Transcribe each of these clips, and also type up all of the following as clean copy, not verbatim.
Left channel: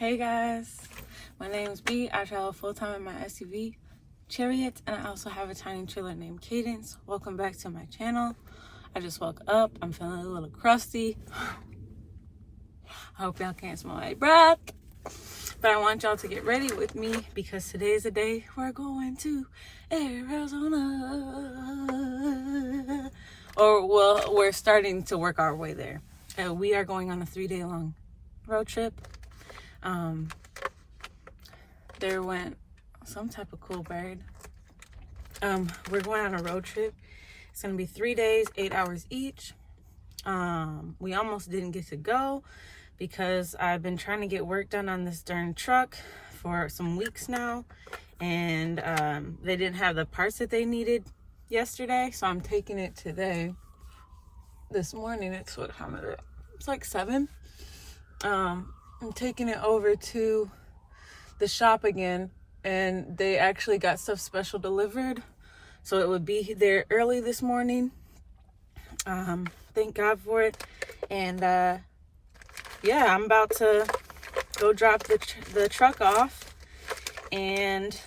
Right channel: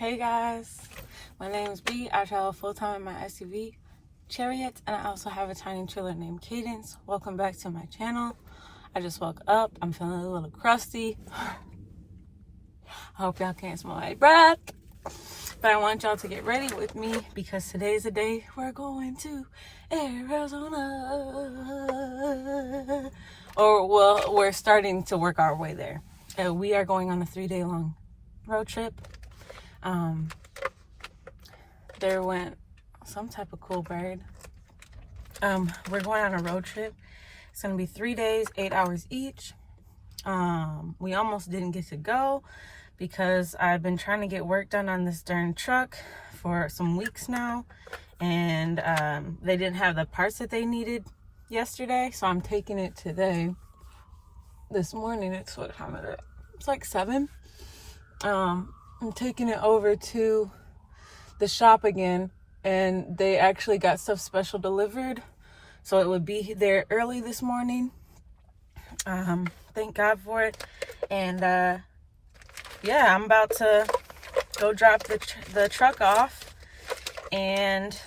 Hey guys, my name is B. I travel full-time in my SUV, Chariot, and I also have a tiny trailer named Cadence. Welcome back to my channel. I just woke up. I'm feeling a little crusty. I hope y'all can't smell my breath. But I want y'all to get ready with me because today's the day we're going to Arizona. Or, well, we're starting to work our way there. We are going on a 3-day-long road trip. There went some type of cool bird. We're going on a road trip. It's gonna be 3 days, 8 hours each. We almost didn't get to go because I've been trying to get work done on this darn truck for some weeks now, and they didn't have the parts that they needed yesterday, so I'm taking it today. This morning, it's what time is it? It's like 7. I'm taking it over to the shop again, and they actually got stuff special delivered, so it would be there early this morning. Thank God for it. And yeah, I'm about to go drop the truck off and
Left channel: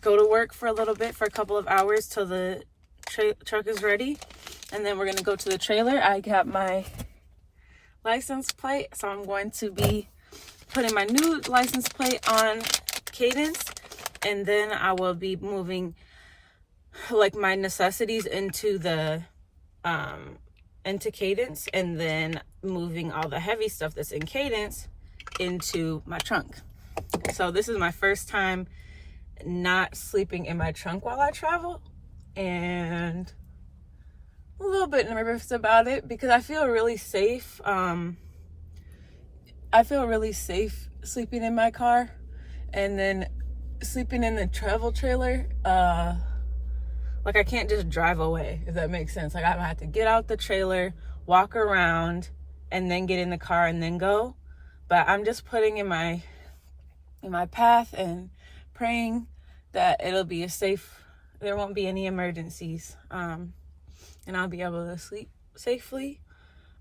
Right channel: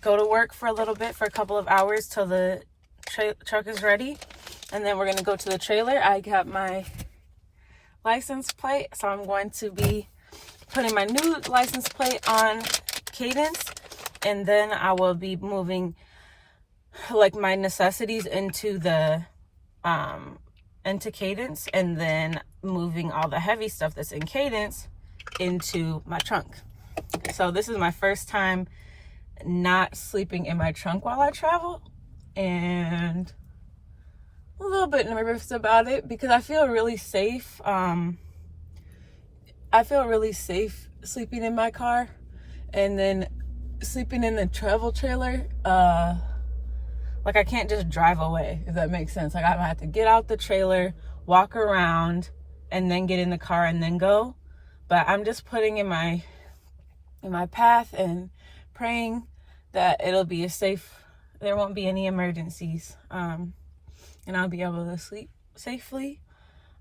go to work for a little bit, for a couple of hours till the truck is ready, and then we're gonna go to the trailer. I got my license plate, so I'm going to be putting my new license plate on Cadence, and then I will be moving like my necessities into the into Cadence, and then moving all the heavy stuff that's in Cadence into my trunk. So this is my first time not sleeping in my trunk while I travel, and a little bit nervous about it because I feel really safe. I feel really safe sleeping in my car, and then sleeping in the travel trailer. Like, I can't just drive away, if that makes sense. Like, I have to get out the trailer, walk around, and then get in the car and then go. But I'm just putting in my path and praying that it'll be a safe. There won't be any emergencies. And I'll be able to sleep safely.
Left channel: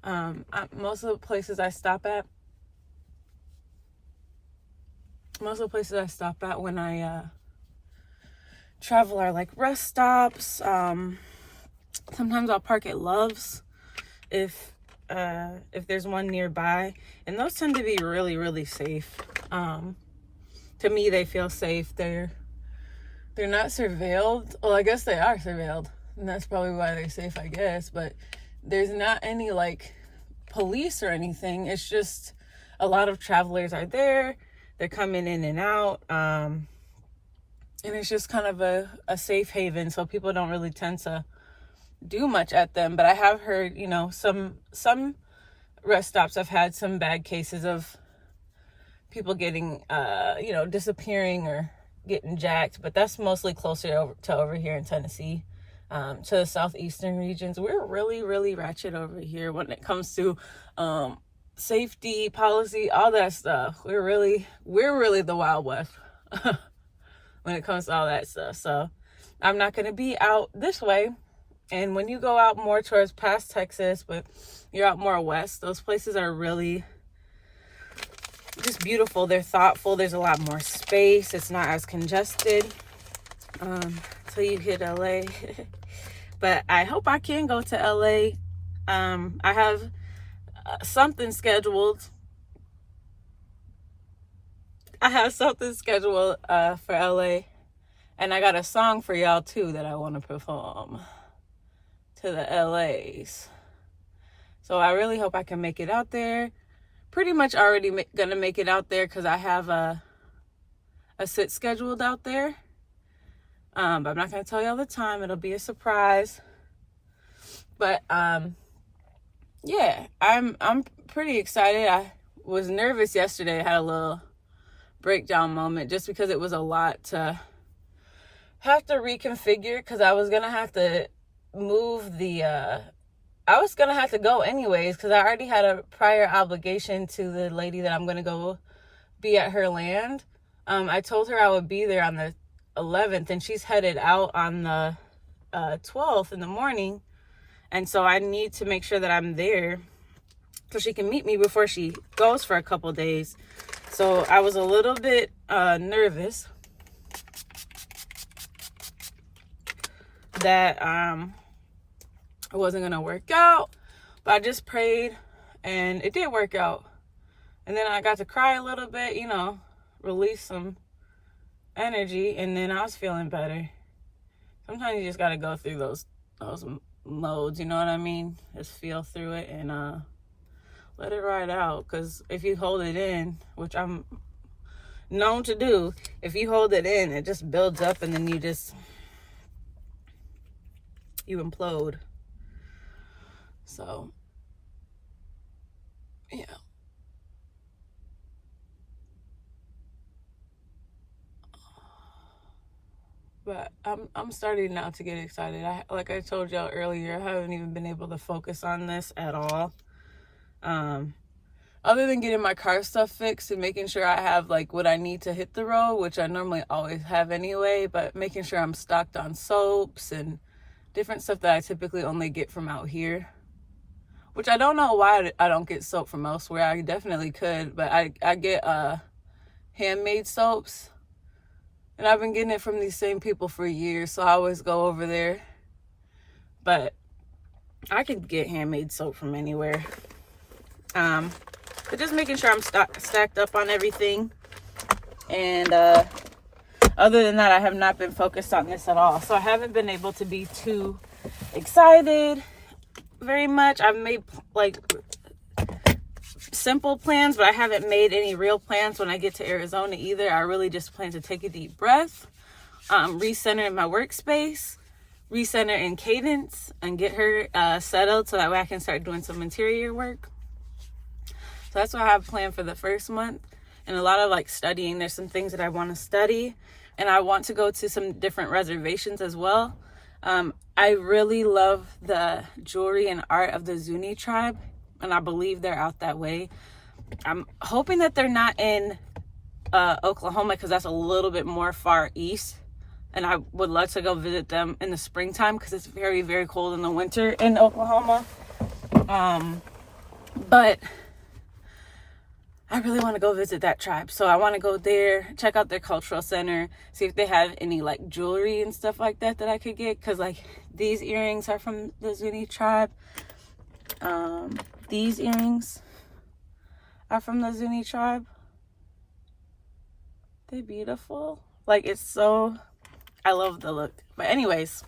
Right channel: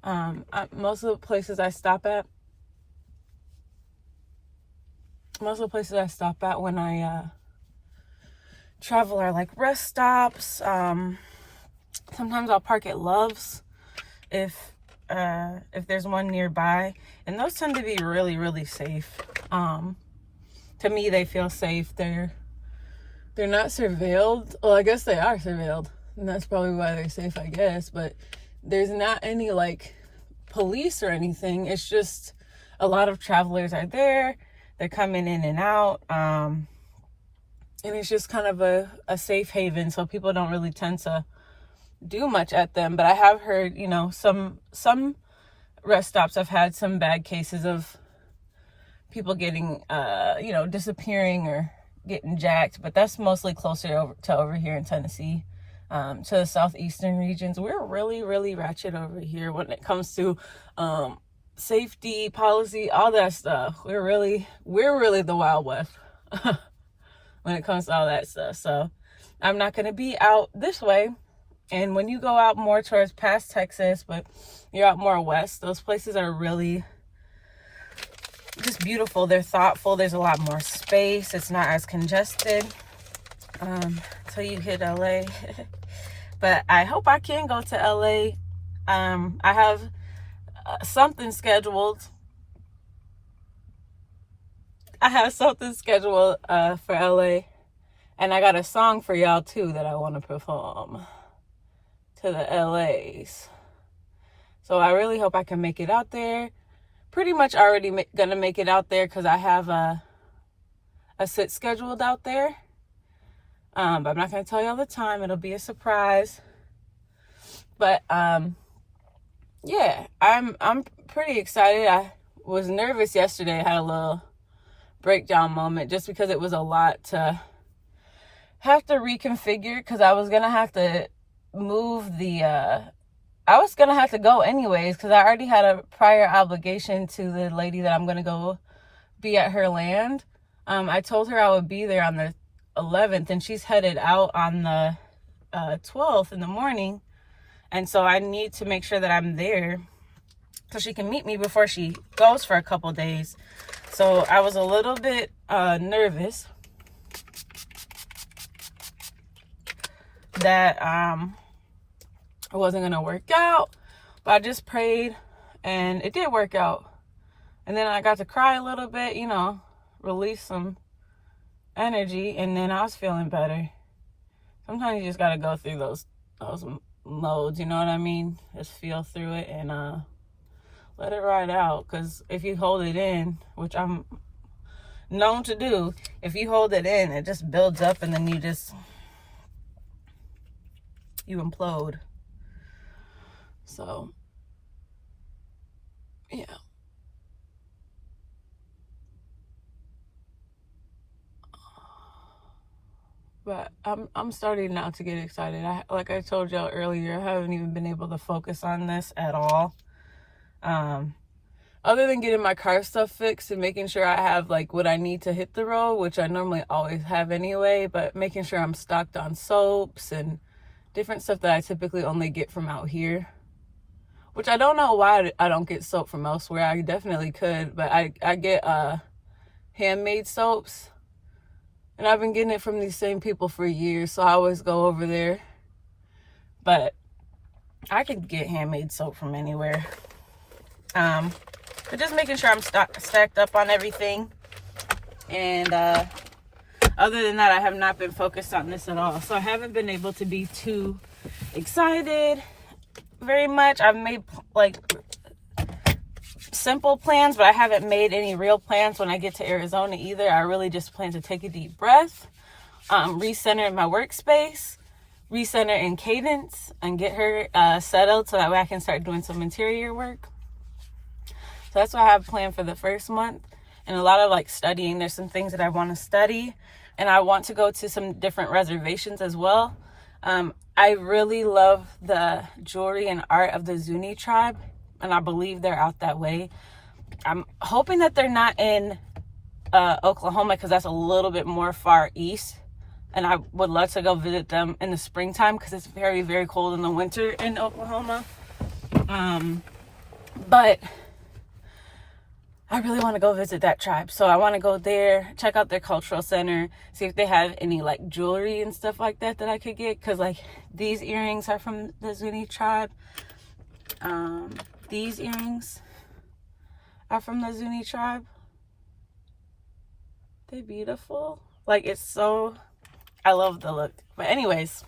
Most of the places I stop at when I travel are like rest stops. Sometimes I'll park at Love's if there's one nearby, and those tend to be really, really safe. To me, they feel safe. They're not surveilled. Well, I guess they are surveilled, and that's probably why they're safe, I guess. But there's not any like police or anything. It's just a lot of travelers are there. They're coming in and out. And it's just kind of a safe haven, so people don't really tend to do much at them. But I have heard, some rest stops have had some bad cases of people getting, disappearing or getting jacked. But that's mostly closer to over here in Tennessee, to the southeastern regions. We're really, really ratchet over here when it comes to safety, policy, all that stuff. We're really the Wild West when it comes to all that stuff. So I'm not going to be out this way. And when you go out more towards past Texas, but you're out more west, those places are really just beautiful. They're thoughtful. There's a lot more space. It's not as congested until you hit LA. But I hope I can go to LA. I have something scheduled. For LA, and I got a song for y'all too that I want to perform to the LAs. So I really hope I can make it out there. Pretty much already gonna make it out there because I have a sit scheduled out there. But I'm not gonna tell y'all the time. It'll be a surprise. But yeah, I'm pretty excited. I was nervous yesterday. I had a little breakdown moment just because it was a lot to have to reconfigure, because I was gonna have to move I was gonna have to go anyways because I already had a prior obligation to the lady that I'm gonna go be at her land. I told her I would be there on the 11th, and she's headed out on the 12th in the morning, and so I need to make sure that I'm there so she can meet me before she goes for a couple days. So I was a little bit nervous that it wasn't gonna work out, but I just prayed and it did work out. And then I got to cry a little bit, you know, release some energy, and then I was feeling better. Sometimes you just gotta go through those modes, you know what I mean? Just feel through it and let it ride out. Because if you hold it in, which I'm known to do, if you hold it in, it just builds up and then you implode. So yeah. But I'm starting now to get excited. Like I told y'all earlier, I haven't even been able to focus on this at all. Other than getting my car stuff fixed and making sure I have like what I need to hit the road, which I normally always have anyway, but making sure I'm stocked on soaps and different stuff that I typically only get from out here. Which I don't know why I don't get soap from elsewhere. I definitely could, but I get handmade soaps. And I've been getting it from these same people for years, so I always go over there. But I could get handmade soap from anywhere. But just making sure I'm stacked up on everything. And other than that, I have not been focused on this at all. So I haven't been able to be too excited very much. I've made like simple plans, but I haven't made any real plans when I get to Arizona either. I really just plan to take a deep breath, recenter in my workspace, recenter in Cadence, and get her settled so that way I can start doing some interior work. So that's what I have planned for the first month. And a lot of like studying. There's some things that I want to study, and I want to go to some different reservations as well. I really love the jewelry and art of the Zuni tribe, and I believe they're out that way. I'm hoping that they're not in Oklahoma, because that's a little bit more far east, and I would love to go visit them in the springtime because it's very, very cold in the winter in Oklahoma. But I really want to go visit that tribe, so I want to go there, check out their cultural center, see if they have any like jewelry and stuff like that I could get, because like these earrings are from the Zuni tribe. These earrings are from the Zuni tribe. They're beautiful. Like, it's so, I love the look. But anyways,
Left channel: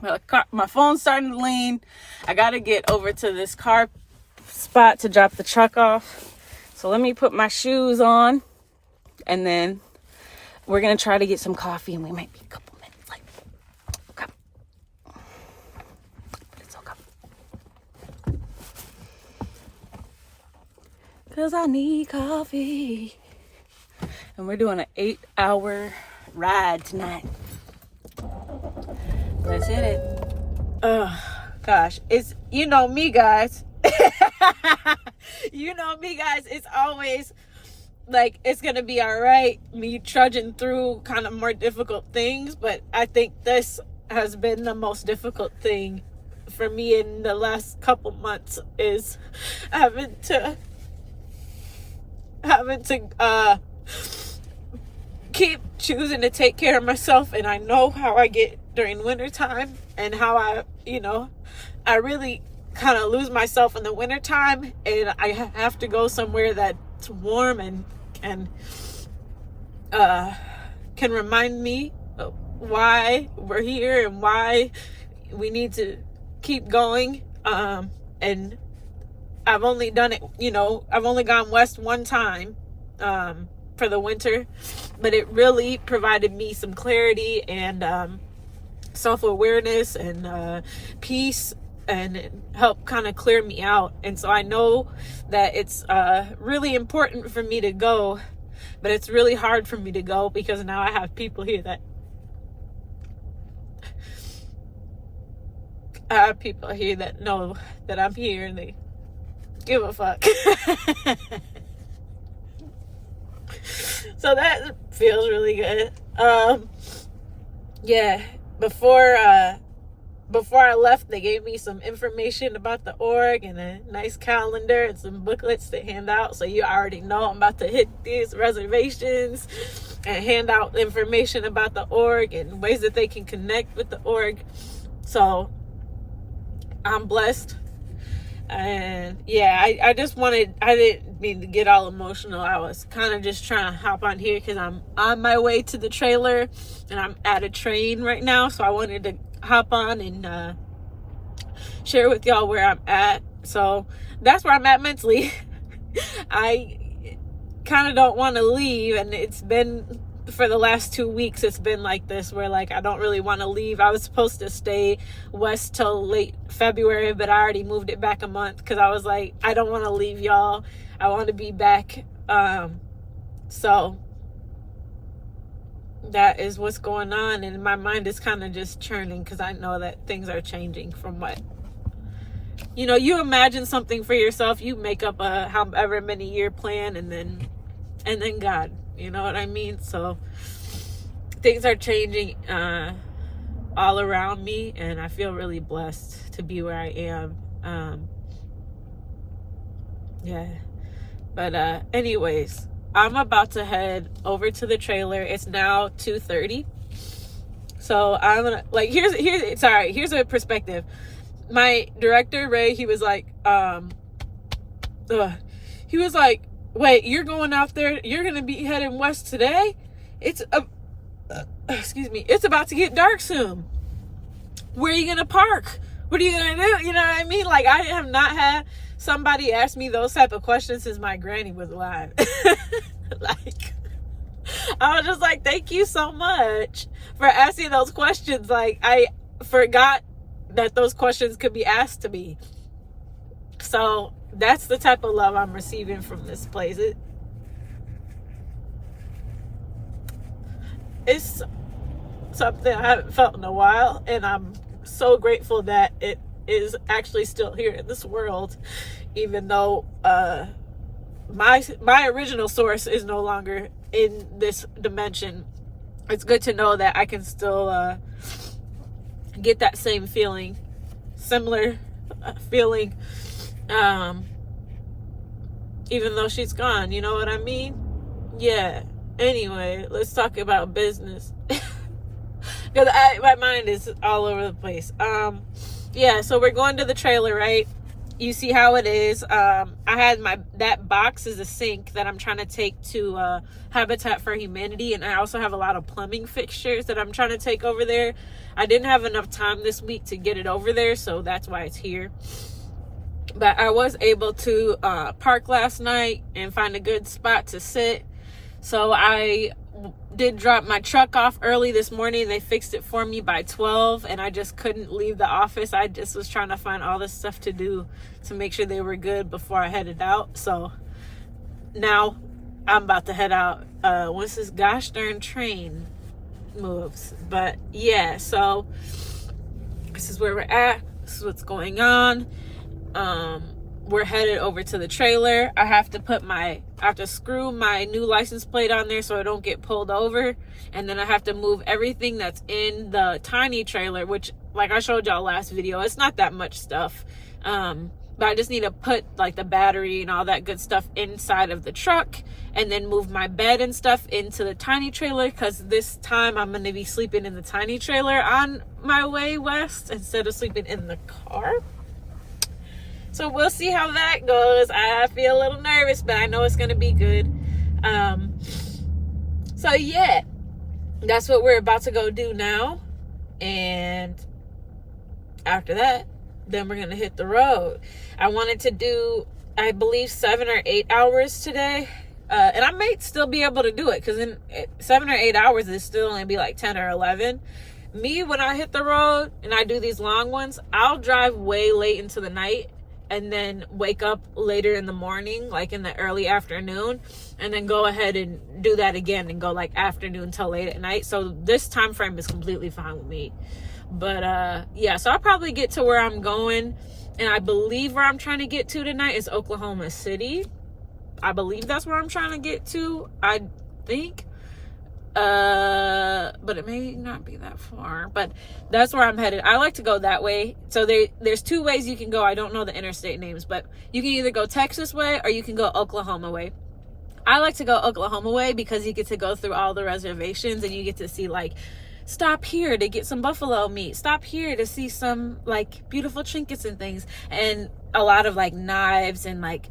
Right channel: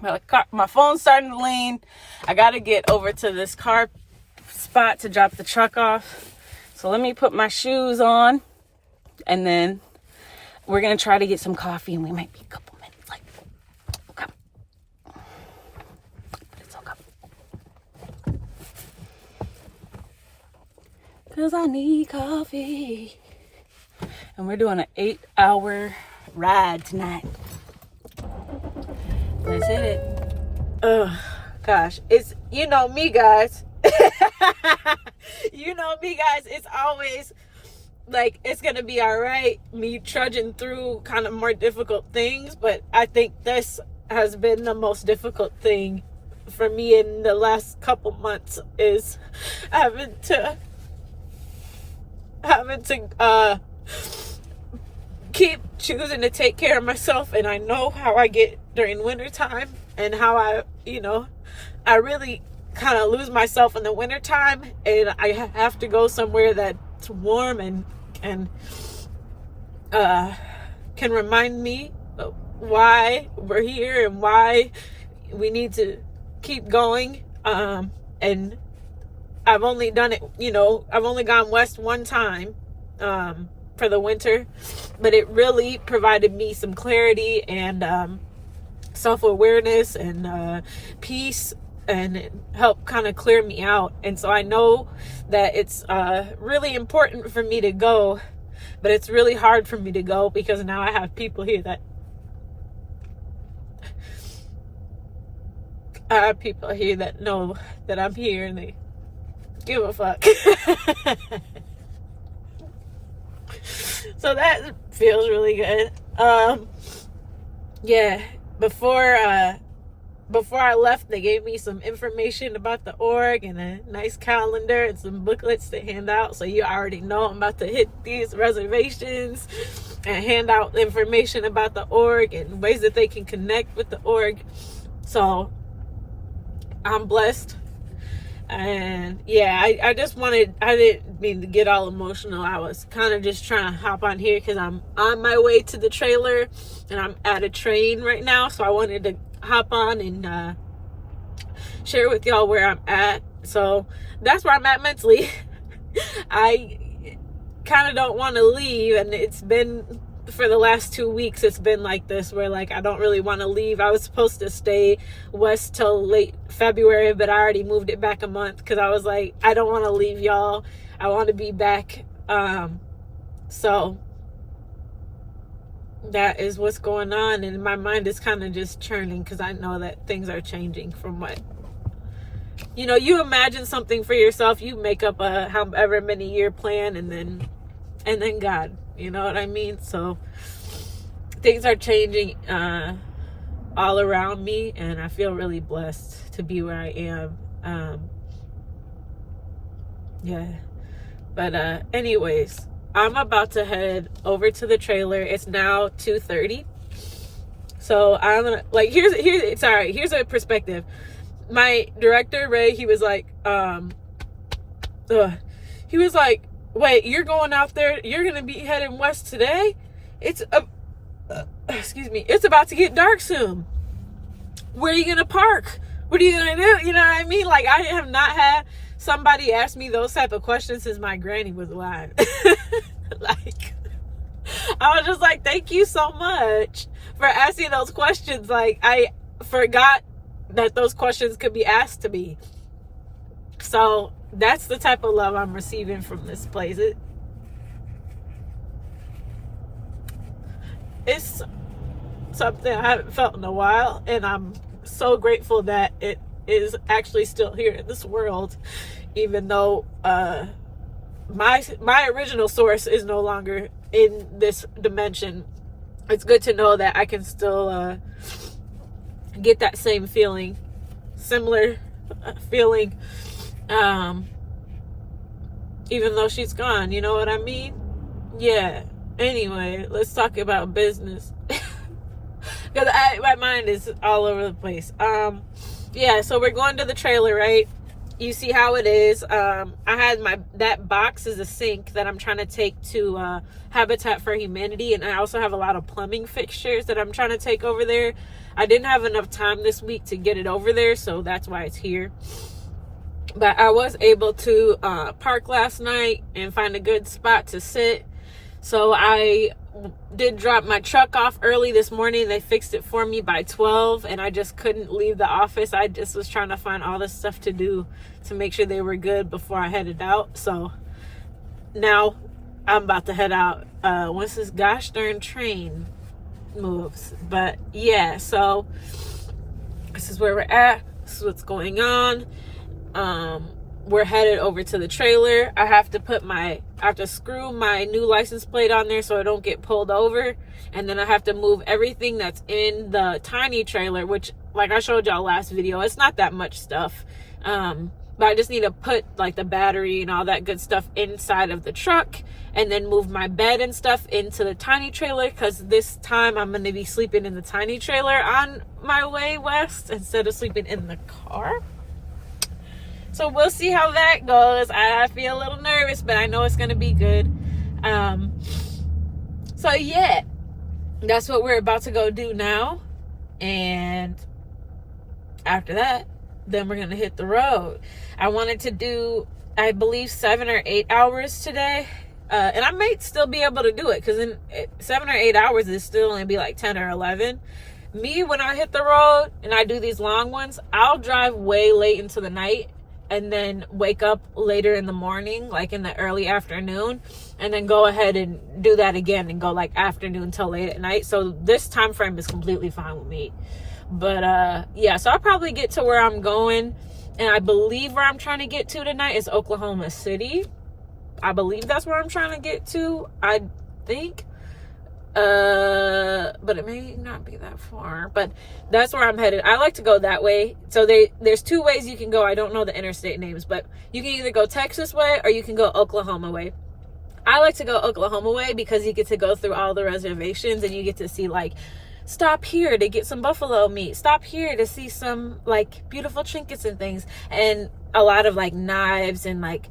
my phone's starting to lean. I gotta get over to this car spot to drop the truck off. So let me put my shoes on, and then we're gonna try to get some coffee, and we might be a couple minutes late. Okay. But it's okay. 'Cause I need coffee. And we're doing an 8-hour ride tonight. Let's hit it. Oh, gosh. It's, you know me, guys. You know me, guys. It's always like, it's going to be all right, me trudging through kind of more difficult things. But I think this has been the most difficult thing for me in the last couple months, is having to keep choosing to take care of myself. And I know how I get during wintertime, and how I really kind of lose myself in the wintertime, and I have to go somewhere that's warm and can remind me of why we're here and why we need to keep going. And I've only done it, I've only gone west one time for the winter, but it really provided me some clarity and self-awareness and peace, and it helped kind of clear me out. And so I know that it's really important for me to go, but it's really hard for me to go because now I have people here that know that I'm here, and they give a fuck. So that feels really good. Yeah, before before I left, they gave me some information about the org and a nice calendar and some booklets to hand out. So you already know I'm about to hit these reservations and hand out information about the org and ways that they can connect with the org. So I'm blessed. And yeah, I didn't mean to get all emotional. I was kind of just trying to hop on here because I'm on my way to the trailer and I'm at a train right now. So I wanted to hop on and share with y'all where I'm at. So that's where I'm at mentally. I kind of don't want to leave, and it's been for the last 2 weeks it's been like this, where like I don't really want to leave. I was supposed to stay west till late February, but I already moved it back a month because I was like, I don't want to leave y'all. I want to be back. So that is what's going on, and my mind is kind of just churning because I know that things are changing from what, you know, you imagine something for yourself, you make up a however many year plan, and then God, you know what I mean? So things are changing all around me, and I feel really blessed to be where I am. Yeah, but anyways, I'm about to head over to the trailer. It's now 2:30. So I'm gonna, like, here's a perspective. My director, Ray, he was like, wait, you're going out there, you're gonna be heading west today? It's it's about to get dark soon. Where are you gonna park? What are you gonna do? You know what I mean? Like, I have not had somebody ask me those type of questions since my granny was alive. Like, I was just like, thank you so much for asking those questions. Like, I forgot that those questions could be asked to me. So that's the type of love I'm receiving from this place. It's something I haven't felt in a while, and I'm so grateful that it is actually still here in this world, even though my original source is no longer in this dimension. It's good to know that I can still get that same feeling, similar feeling, even though she's gone. You know what I mean? Yeah. Anyway, let's talk about business. Because my mind is all over the place. Yeah, so we're going to the trailer, right? You see how it is. I had that box is a sink that I'm trying to take to Habitat for Humanity, and I also have a lot of plumbing fixtures that I'm trying to take over there. I didn't have enough time this week to get it over there, so that's why it's here. But I was able to park last night and find a good spot to sit. So I did drop my truck off early this morning. They fixed it for me by 12, and I just couldn't leave the office. I just was trying to find all this stuff to do to make sure they were good before I headed out. So now I'm about to head out once this gosh darn train moves. But yeah, so this is where we're at. This is what's going on. We're headed over to the trailer. I have to screw my new license plate on there so I don't get pulled over. And then I have to move everything that's in the tiny trailer, which, like I showed y'all last video, it's not that much stuff. But I just need to put like the battery and all that good stuff inside of the truck, and then move my bed and stuff into the tiny trailer, because this time I'm going to be sleeping in the tiny trailer on my way west instead of sleeping in the car. So we'll see how that goes. I feel a little nervous, but I know it's going to be good. So yeah, that's what we're about to go do now. And after that, then we're going to hit the road. I wanted to do, I believe, 7 or 8 hours today. And I might still be able to do it, because in 7 or 8 hours is still going to be like 10 or 11. Me, when I hit the road and I do these long ones, I'll drive way late into the night and then wake up later in the morning, like in the early afternoon, and then go ahead and do that again and go like afternoon till late at night. So this time frame is completely fine with me. But yeah, so I'll probably get to where I'm going, and I believe where I'm trying to get to tonight is Oklahoma City. I believe that's where I'm trying to get to. I think But it may not be that far, but that's where I'm headed. I like to go that way. So there's two ways you can go. I don't know the interstate names, but you can either go Texas way or you can go Oklahoma way. I like to go Oklahoma way because you get to go through all the reservations and you get to see, like, stop here to get some buffalo meat, stop here to see some, like, beautiful trinkets and things, and a lot of, like, knives and, like,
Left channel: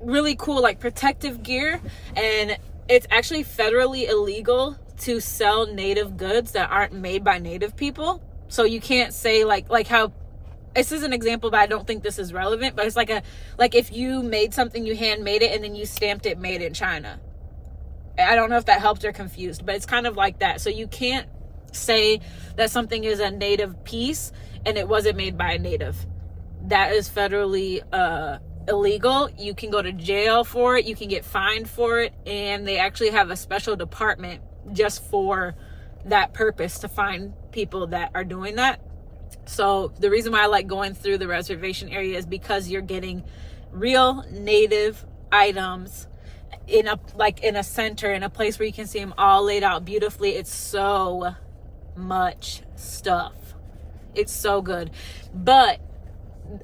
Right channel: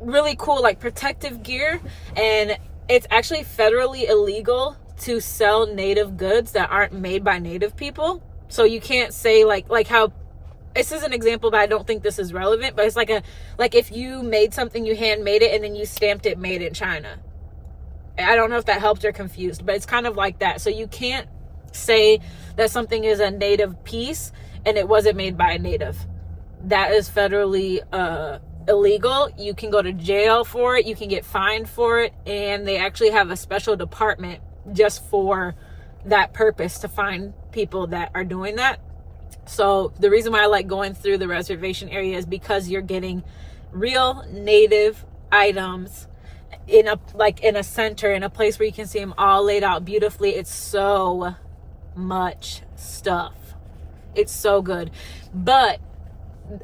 really cool, like, protective gear. And it's actually federally illegal to sell native goods that aren't made by native people. So you can't say, like how, this is an example, but I don't think this is relevant, but it's like if you made something, you handmade it, and then you stamped it made in China. I don't know if that helped or confused, but it's kind of like that. So you can't say that something is a native piece and it wasn't made by a native. That is federally illegal. You can go to jail for it. You can get fined for it. And they actually have a special department just for that purpose, to find people that are doing that. So the reason why I like going through the reservation area is because you're getting real native items in a center, in a place where you can see them all laid out beautifully. It's so much stuff. It's so good. But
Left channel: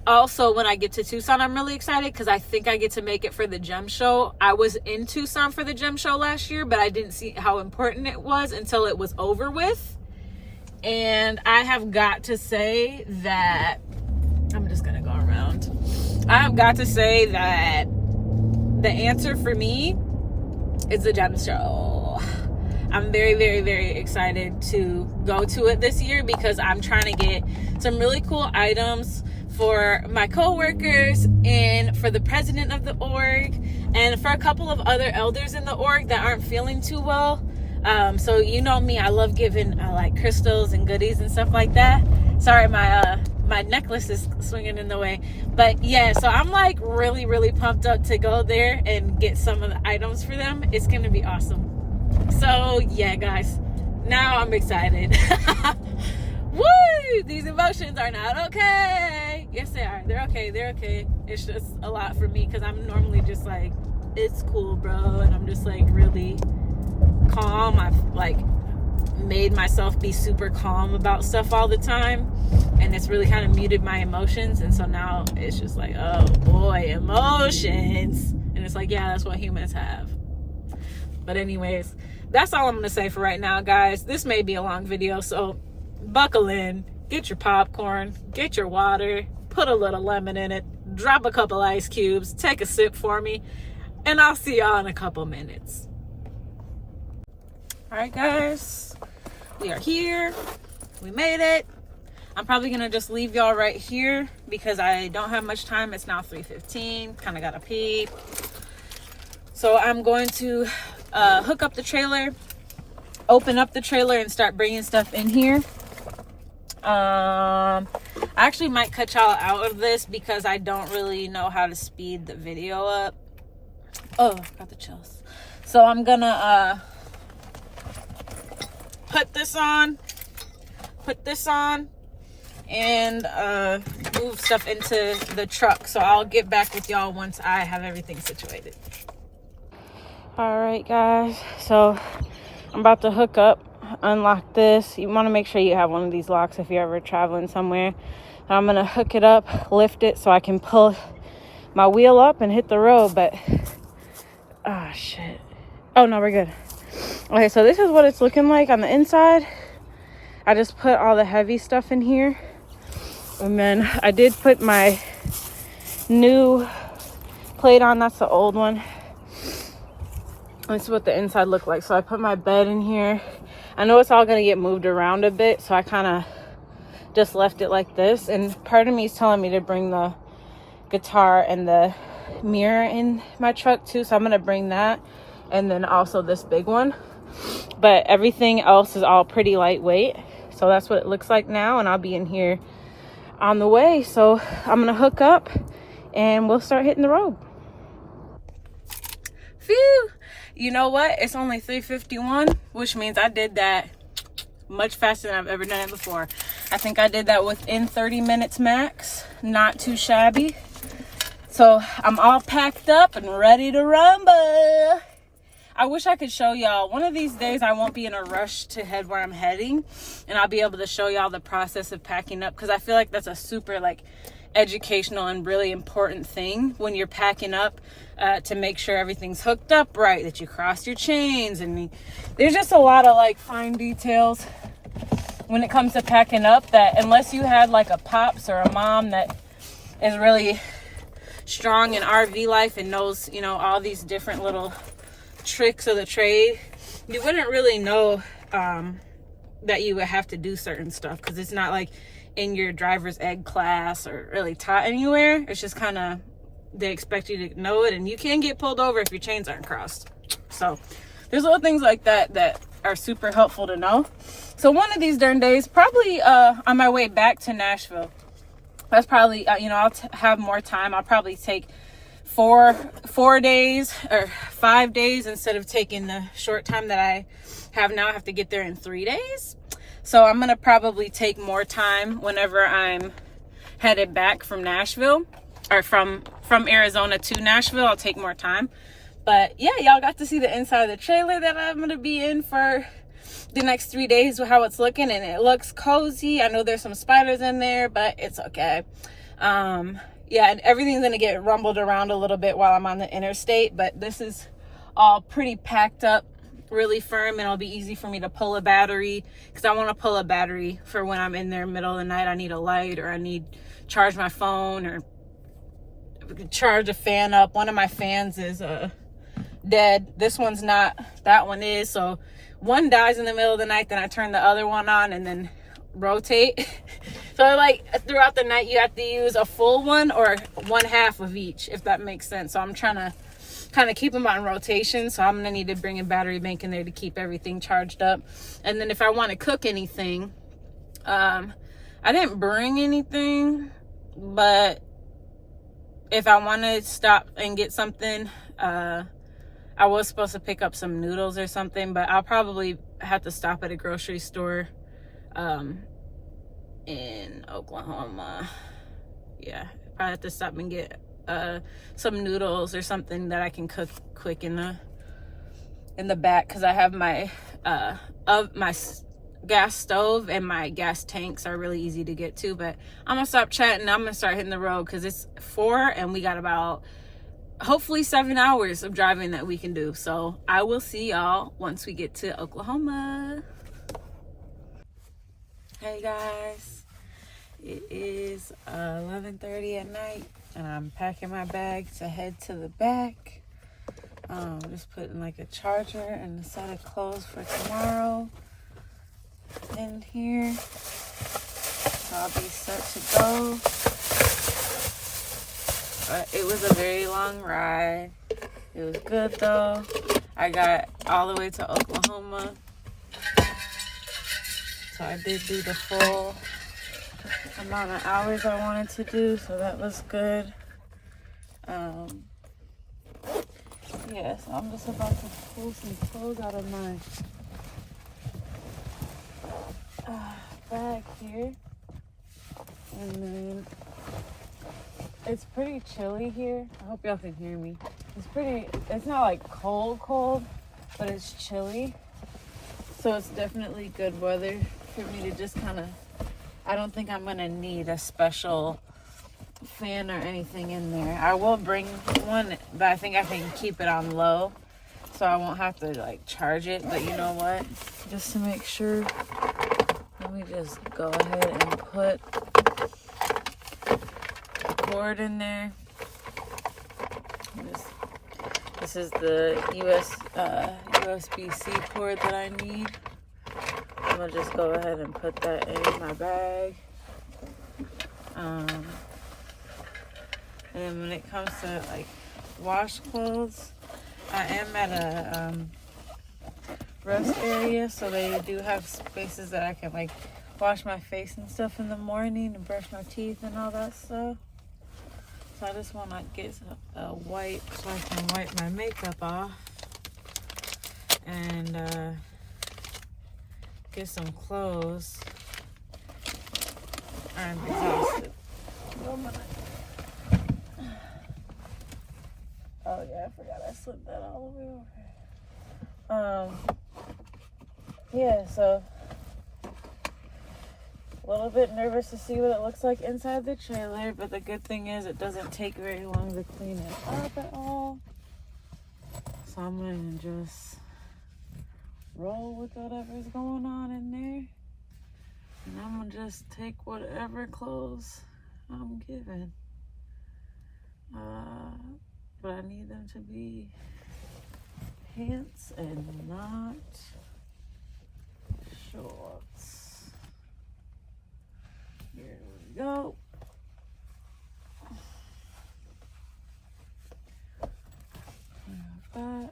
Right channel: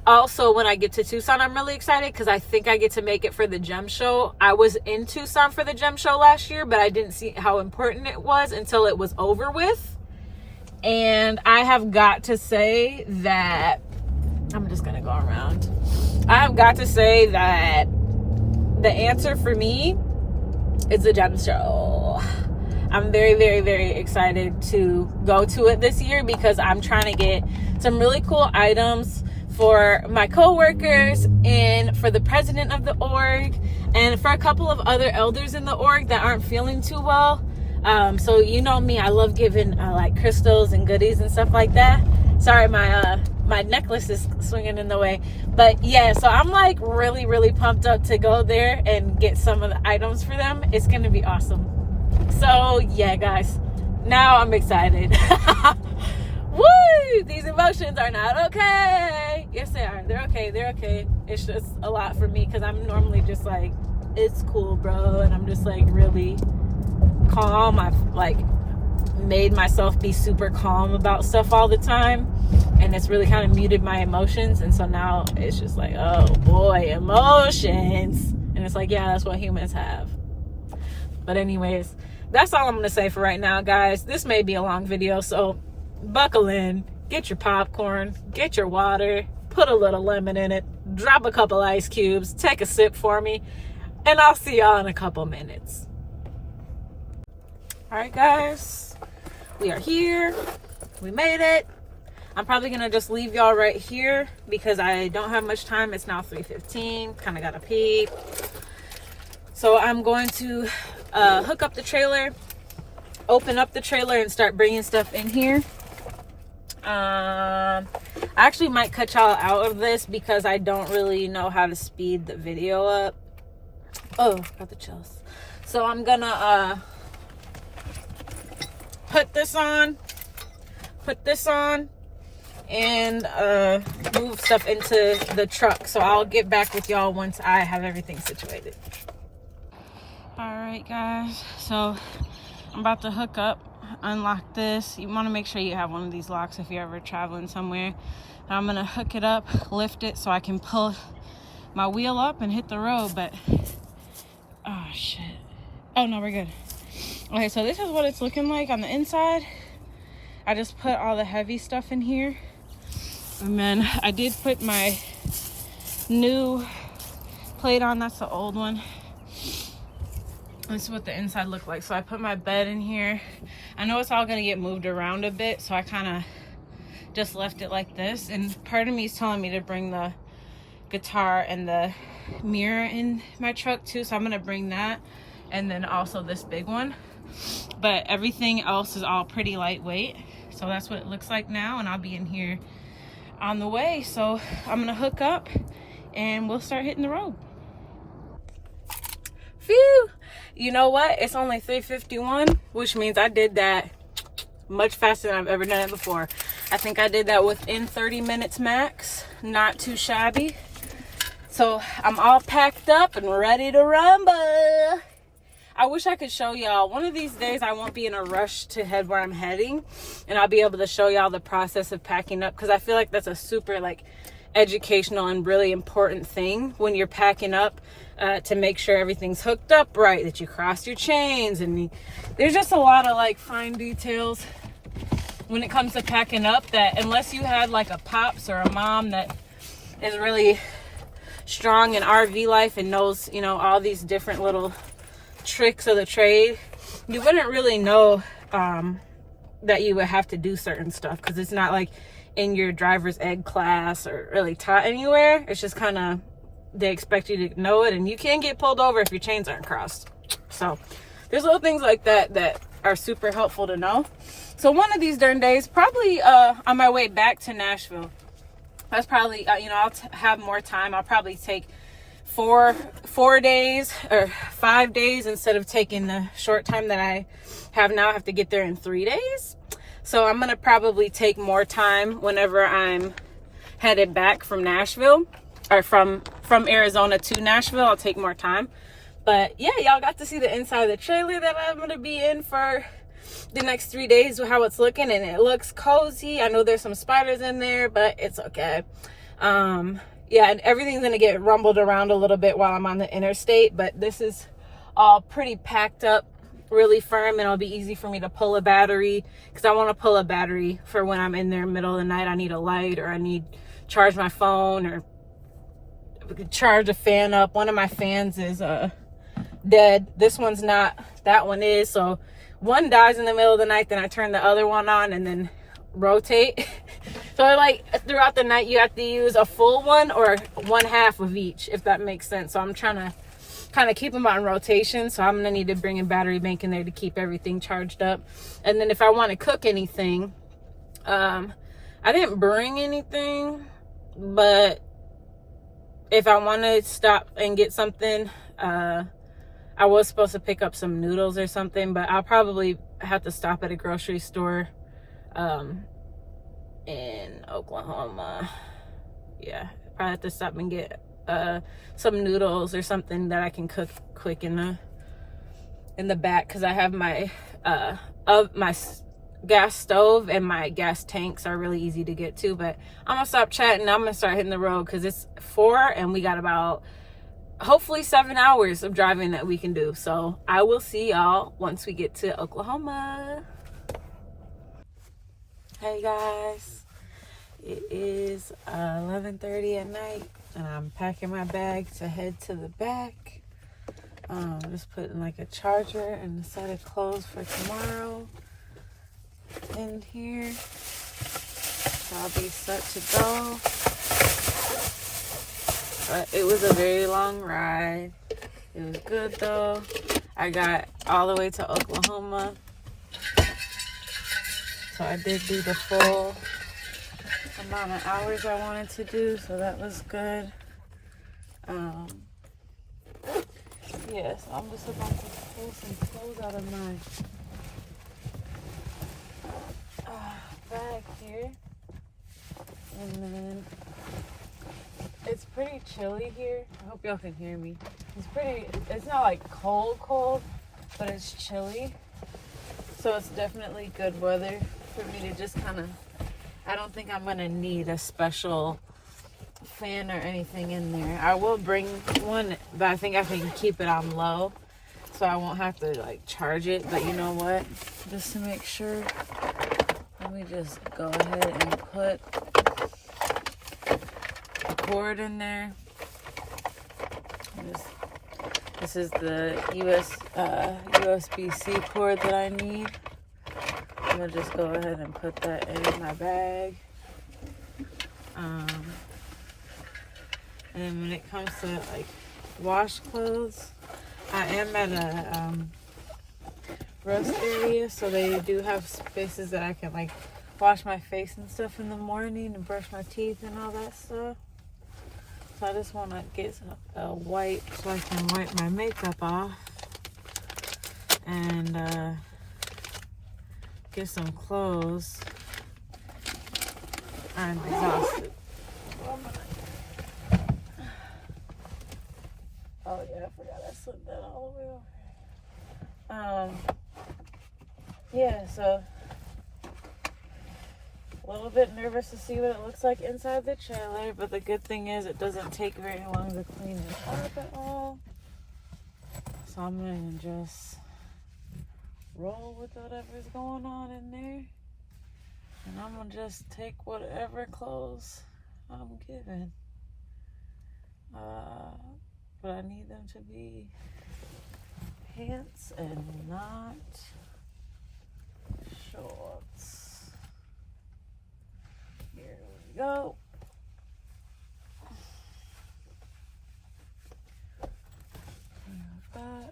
also, when I get to Tucson, I'm really excited because I think I get to make it for the gem show. I was in Tucson for the gem show last year, but I didn't see how important it was until it was over with. And I have got to say that I'm just gonna go around. I have got to say that the answer for me is the gem show. I'm very, very, very excited to go to it this year because I'm trying to get some really cool items for my coworkers and for the president of the org and for a couple of other elders in the org that aren't feeling too well. So you know me, I love giving like crystals and goodies and stuff like that. Sorry, my necklace is swinging in the way, but yeah, so I'm like really, really pumped up to go there and get some of the items for them. It's gonna be awesome. So yeah, guys, now I'm excited. Woo! These emotions are not okay. Yes, they are. They're okay. They're okay. It's just a lot for me because I'm normally just like, it's cool, bro, and I'm just like really calm. I've like made myself be super calm about stuff all the time, and it's really kind of muted my emotions. And so now it's just like, oh boy, emotions. And it's like, yeah, that's what humans have. But anyways, that's all I'm gonna say for right now, guys. This may be a long video, so buckle in, get your popcorn, get your water, put a little lemon in it, drop a couple ice cubes, take a sip for me, and I'll see y'all in a couple minutes. All right, guys, we are here. We made it. I'm probably gonna just leave y'all right here because I don't have much time. It's now 3:15, kind of gotta pee. So I'm going to hook up the trailer, open up the trailer, and start bringing stuff in here. I actually might cut y'all out of this because I don't really know how to speed the video up. Oh, got the chills. So I'm gonna put this on, and move stuff into the truck. So I'll get back with y'all once I have everything situated. All right, guys, so I'm about to hook up, unlock this. You want to make sure you have one of these locks if you're ever traveling somewhere. And I'm gonna hook it up, lift it so I can pull my wheel up and hit the road. But oh shit, oh no, we're good. Okay, so this is what it's looking like on the inside. I just put all the heavy stuff in here, and then I did put my new plate on. That's the old one. This is what the inside looked like. So I put my bed in here. I know it's all gonna get moved around a bit, so I kind of just left it like this. And part of me is telling me to bring the guitar and the mirror in my truck too, so I'm gonna bring that, and then also this big one. But everything else is all pretty lightweight, so that's what it looks like now. And I'll be in here on the way, so I'm gonna hook up and we'll start hitting the road. Phew! You know what? It's only 3:51, which means I did that much faster than I've ever done it before. I think I did that within 30 minutes max. Not too shabby. So I'm all packed up and ready to rumble. I wish I could show y'all. One of these days I won't be in a rush to head where I'm heading, and I'll be able to show y'all the process of packing up, because I feel like that's a super like educational and really important thing when you're packing up, to make sure everything's hooked up right, that you cross your chains, and there's just a lot of like fine details when it comes to packing up that unless you had like a pops or a mom that is really strong in RV life and knows, you know, all these different little tricks of the trade, you wouldn't really know that you would have to do certain stuff, because it's not like in your driver's ed class or really taught anywhere. It's just kind of, they expect you to know it, and you can get pulled over if your chains aren't crossed. So there's little things like that that are super helpful to know. So one of these darn days, probably on my way back to Nashville, that's probably, you know, I'll have more time. I'll probably take 4 days or 5 days instead of taking the short time that I have now. I have to get there in 3 days. So I'm going to probably take more time whenever I'm headed back from Nashville, or from Arizona to Nashville. I'll take more time. But yeah, y'all got to see the inside of the trailer that I'm going to be in for the next 3 days, how it's looking, and it looks cozy. I know there's some spiders in there, but it's okay. Yeah, and everything's gonna get rumbled around a little bit while I'm on the interstate, but this is all pretty packed up, really firm, and it'll be easy for me to pull a battery, because I want to pull a battery for when I'm in there middle of the night. I need a light, or I need charge my phone, or charge a fan up. One of my fans is dead. This one's not. That one is. So one dies in the middle of the night, then I turn the other one on and then rotate. So like throughout the night you have to use a full one or one half of each, if that makes sense. So I'm trying to kind of keep them on rotation. So I'm gonna need to bring a battery bank in there to keep everything charged up. And then if I want to cook anything, I didn't bring anything, but if I want to stop and get something, I was supposed to pick up some noodles or something, but I'll probably have to stop at a grocery store in Oklahoma. Yeah, I have to stop and get some noodles or something that I can cook quick in the back, because I have my my gas stove and my gas tanks are really easy to get to. But I'm gonna stop chatting. I'm gonna start hitting the road, because it's 4 and we got about hopefully 7 hours of driving that we can do. So I will see y'all once we get to Oklahoma. Hey guys, it is 11:30 at night and I'm packing my bag to head to the back. Just putting like a charger and a set of clothes for tomorrow in here, so I'll be set to go. But it was a very long ride. It was good though. I got all the way to Oklahoma, so I did do the full amount of hours I wanted to do, so that was good. Yeah, so I'm just about to pull some clothes out of my bag here. And then it's pretty chilly here. I hope y'all can hear me. It's not like cold, but it's chilly. So it's definitely good weather for me to just kind of, I don't think I'm going to need a special fan or anything in there. I will bring one, but I think I can keep it on low, so I won't have to like charge it. But you know what? Just to make sure, let me just go ahead and put the cord in there. This is the USB-C cord that I need. I'm gonna just go ahead and put that in my bag. And then when it comes to like wash clothes, I am at a roast area, so they do have spaces that I can like wash my face and stuff in the morning and brush my teeth and all that stuff. So I just want to get a wipe so I can wipe my makeup off and get some clothes. I'm exhausted. Oh yeah, I forgot I slipped that all the way over. Yeah, so a little bit nervous to see what it looks like inside the trailer, but the good thing is it doesn't take very long to clean it up at all. So I'm gonna just roll with whatever's going on in there, and I'm gonna just take whatever clothes I'm given. But I need them to be pants and not shorts. Here we go. That.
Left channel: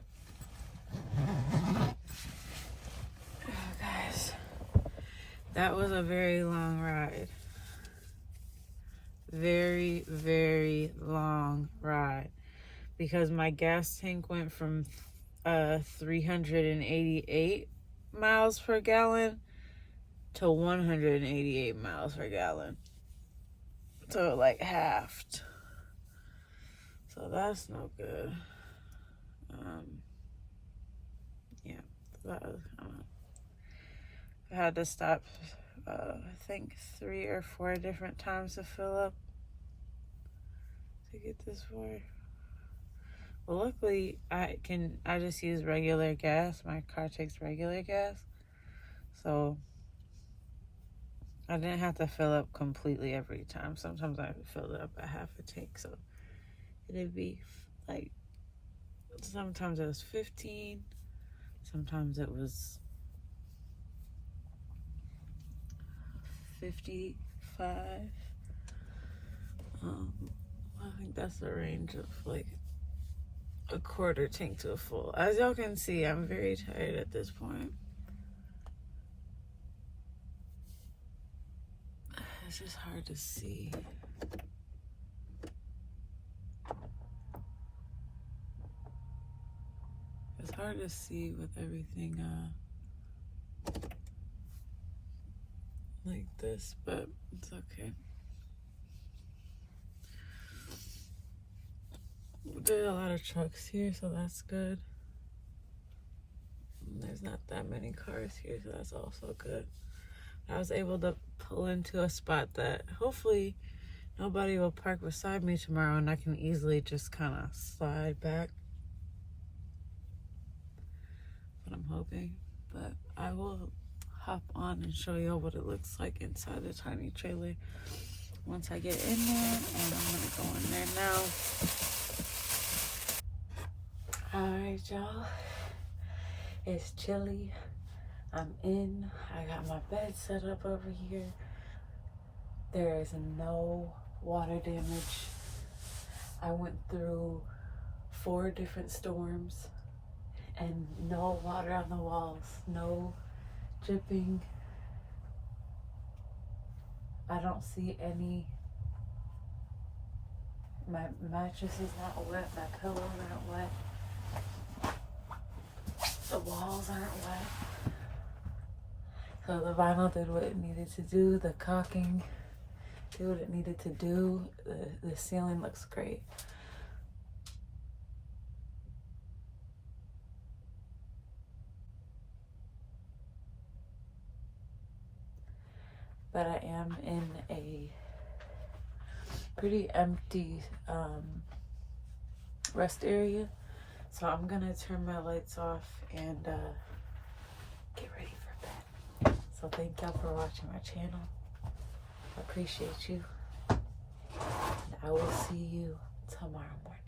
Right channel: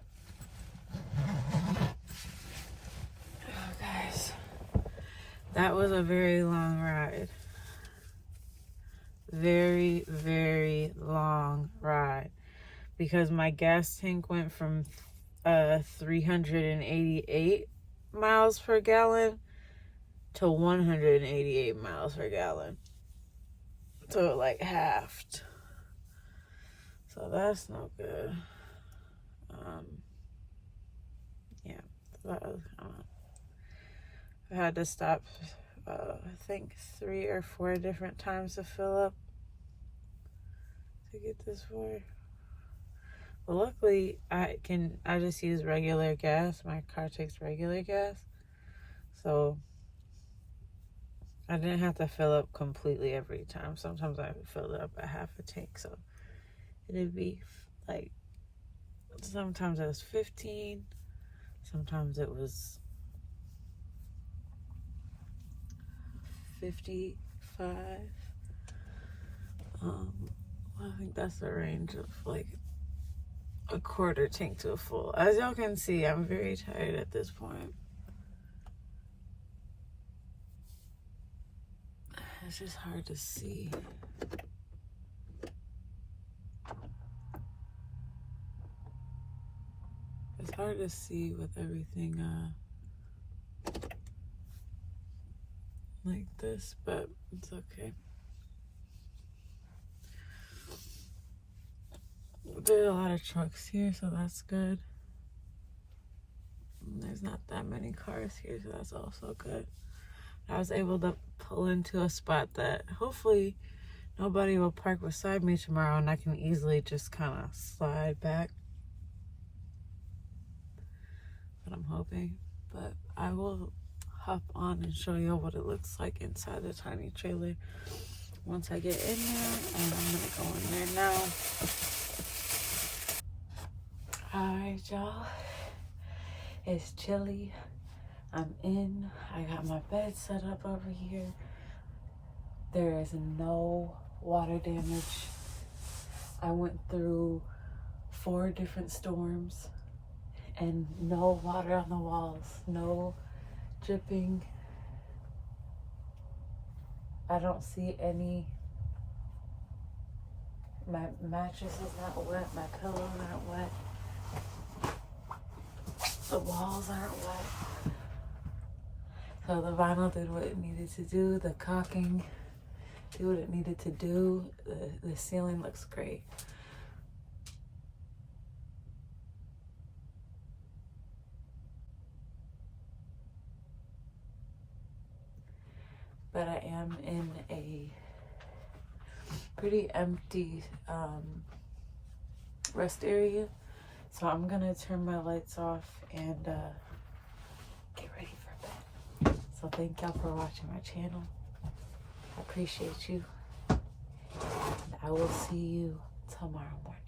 Oh, guys, that was a very long ride. Very, very long ride, because my gas tank went from 388 miles per gallon to 188 miles per gallon. So it like halved. So that's no good. Yeah, I had to stop, I think 3 or 4 different times to fill up to get this far. Well, luckily I just use regular gas. My car takes regular gas, so I didn't have to fill up completely every time. Sometimes I filled up a half a tank, so it'd be like, sometimes it was 15, sometimes it was 55. I think that's the range of like a quarter tank to a full. As y'all can see, I'm very tired at this point. It's just hard to see. It's hard to see with everything like this, but it's okay. There's a lot of trucks here, so that's good. There's not that many cars here, so that's also good. I was able to pull into a spot that hopefully nobody will park beside me tomorrow, and I can easily just kind of slide back. But I'm hoping. But I will hop on and show y'all what it looks like inside the tiny trailer once I get in there, and I'm gonna go in there now. Alright, y'all, it's chilly. I'm in. I got my bed set up over here. There is no water damage. I went through 4 different storms and no water on the walls, no dripping. I don't see any. My mattress is not wet, my pillows aren't wet, the walls aren't wet. So the vinyl did what it needed to do, the caulking did what it needed to do, the ceiling looks great. But I am in a pretty empty rest area, so I'm gonna turn my lights off and get ready for bed. So thank y'all for watching my channel. I appreciate you, and I will see you tomorrow morning.